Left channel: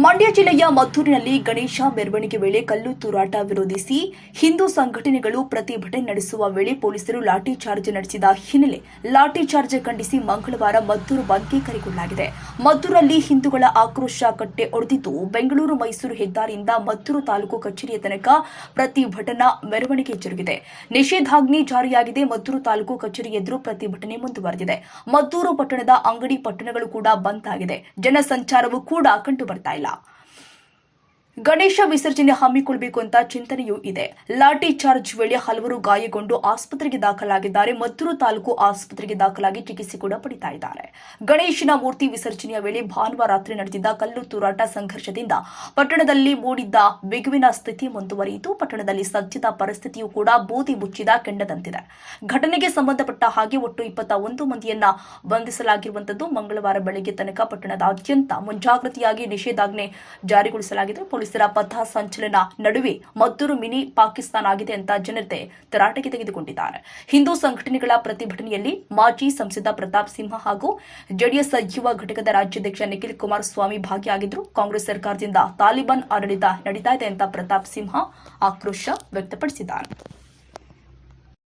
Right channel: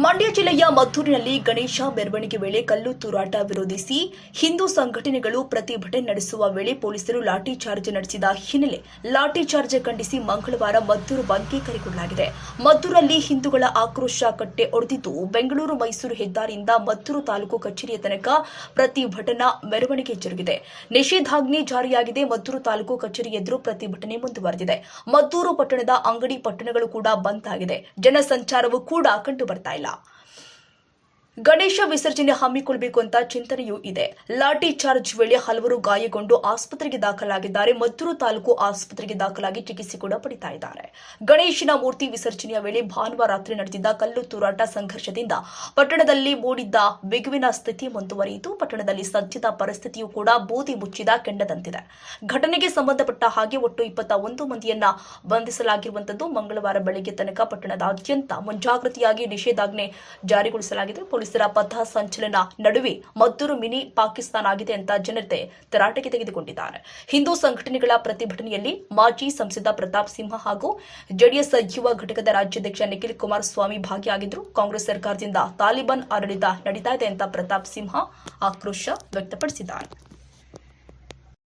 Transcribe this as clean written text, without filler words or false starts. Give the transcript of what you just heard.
ಮಂಡ್ಯ ಜಿಲ್ಲೆಯ ಮದ್ದೂರಿನಲ್ಲಿ ಗಣೇಶ ಮೆರವಣಿಗೆ ವೇಳೆ ಕಲ್ಲು ತೂರಾಟ ವಿರೋಧಿಸಿ ಹಿಂದೂ ಸಂಘಟನೆಗಳು ಪ್ರತಿಭಟನೆ ನಡೆಸುವ ವೇಳೆ ಪೊಲೀಸರು ಲಾಠಿ ಚಾರ್ಜ್ ನಡೆಸಿದ ಹಿನ್ನೆಲೆ ಲಾಠಿ ಚಾರ್ಜ್ ಖಂಡಿಸಿ ಮಂಗಳವಾರ ಮದ್ದೂರು ಬಂದ್ಗೆ ಕರೆಗೊಳ್ಳಲಾಗಿದೆ. ಮದ್ದೂರಲ್ಲಿ ಹಿಂದೂಗಳ ಆಕ್ರೋಶ ಕಟ್ಟೆ ಒಡೆದಿದ್ದು, ಬೆಂಗಳೂರು ಮೈಸೂರು ಹೆದ್ದಾರಿಯಿಂದ ಮದ್ದೂರು ತಾಲೂಕು ಕಚೇರಿಯ ತನಕ ಪ್ರತಿಭಟನಾ ಮೆರವಣಿಗೆ ಜರುಗಿದೆ. ನಿಷೇಧಾಜ್ಞೆ ಜಾರಿಯಾಗಿದೆ. ಮದ್ದೂರು ತಾಲೂಕು ಕಚೇರಿ ಎದುರು ಪ್ರತಿಭಟನೆ ಮುಂದುವರೆದಿದೆ. ಮದ್ದೂರು ಪಟ್ಟಣದ ಅಂಗಡಿ ಪಟ್ಟಣಗಳು ಕೂಡ ಬಂದ್ ಆಗಿದೆ. ಜನಸಂಚಾರವೂ ಕೂಡ ಕಂಡು ಬರ್ತಾ ಇಲ್ಲ. ಗಣೇಶ ವಿಸರ್ಜನೆ ಹಮ್ಮಿಕೊಳ್ಳಬೇಕು ಅಂತ ಚಿಂತನೆಯೂ ಇದೆ. ಲಾಠಿ ಚಾರ್ಜ್ ವೇಳೆ ಹಲವರು ಗಾಯಗೊಂಡು ಆಸ್ಪತ್ರೆಗೆ ದಾಖಲಾಗಿದ್ದಾರೆ. ಮದ್ದೂರು ತಾಲೂಕು ಆಸ್ಪತ್ರೆಗೆ ದಾಖಲಾಗಿ ಚಿಕಿತ್ಸೆ ಕೂಡ ಪಡಿತಾ ಇದ್ದಾರೆ. ಗಣೇಶನ ಮೂರ್ತಿ ವಿಸರ್ಜನೆಯ ವೇಳೆ ಭಾನುವಾರ ರಾತ್ರಿ ನಡೆದಿದ್ದ ಕಲ್ಲು ತೂರಾಟ ಸಂಘರ್ಷದಿಂದ ಪಟ್ಟಣದಲ್ಲಿ ಮೂಡಿದ್ದ ಬಿಗುವಿನ ಸ್ಥಿತಿ ಮುಂದುವರಿಯಿತು. ಪಟ್ಟಣದಲ್ಲಿ ಸದ್ಯದ ಪರಿಸ್ಥಿತಿಯೂ ಕೂಡ ಬೂದಿ ಮುಚ್ಚಿದ ಕೆಂಡದಂತಿದೆ. ಘಟನೆಗೆ ಸಂಬಂಧಪಟ್ಟ ಹಾಗೆ ಒಟ್ಟು 21 ಮಂದಿಯನ್ನ ಬಂಧಿಸಲಾಗಿರುವಂತದ್ದು. ಮಂಗಳವಾರ ಬೆಳಗ್ಗೆ ತನಕ ಪಟ್ಟಣದಾದ್ಯಂತ ಮುಂಜಾಗ್ರತೆಯಾಗಿ ನಿಷೇಧಾಜ್ಞೆ ಜಾರಿಗೊಳಿಸಲಾಗಿದೆ. ಪೊಲೀಸರ ಪಥ ಸಂಚಲನ ನಡುವೆ ಮದ್ದೂರು ಮಿನಿ ಪಾಕಿಸ್ತಾನ ಆಗಿದೆ ಅಂತ ಜನತೆ ತರಾಟೆಗೆ ತೆಗೆದುಕೊಂಡಿದ್ದಾರೆ. ಹಿಂದೂ ಸಂಘಟನೆಗಳ ಪ್ರತಿಭಟನೆಯಲ್ಲಿ ಮಾಜಿ ಸಂಸದ ಪ್ರತಾಪ್ ಸಿಂಹ ಹಾಗೂ ಜೆಡಿಎಸ್ ಯುವ ಘಟಕದ ರಾಜ್ಯಾಧ್ಯಕ್ಷ ನಿಖಿಲ್ ಕುಮಾರಸ್ವಾಮಿ ಭಾಗಿಯಾಗಿದ್ದರು. ಕಾಂಗ್ರೆಸ್ ಸರ್ಕಾರದಿಂದ ತಾಲಿಬಾನ್ ಆಡಳಿತ ನಡೀತಾ ಇದೆ ಅಂತ ಪ್ರತಾಪ್ ಸಿಂಹ ಆಕ್ರೋಶ ವ್ಯಕ್ತಪಡಿಸಿದ್ದಾರೆ.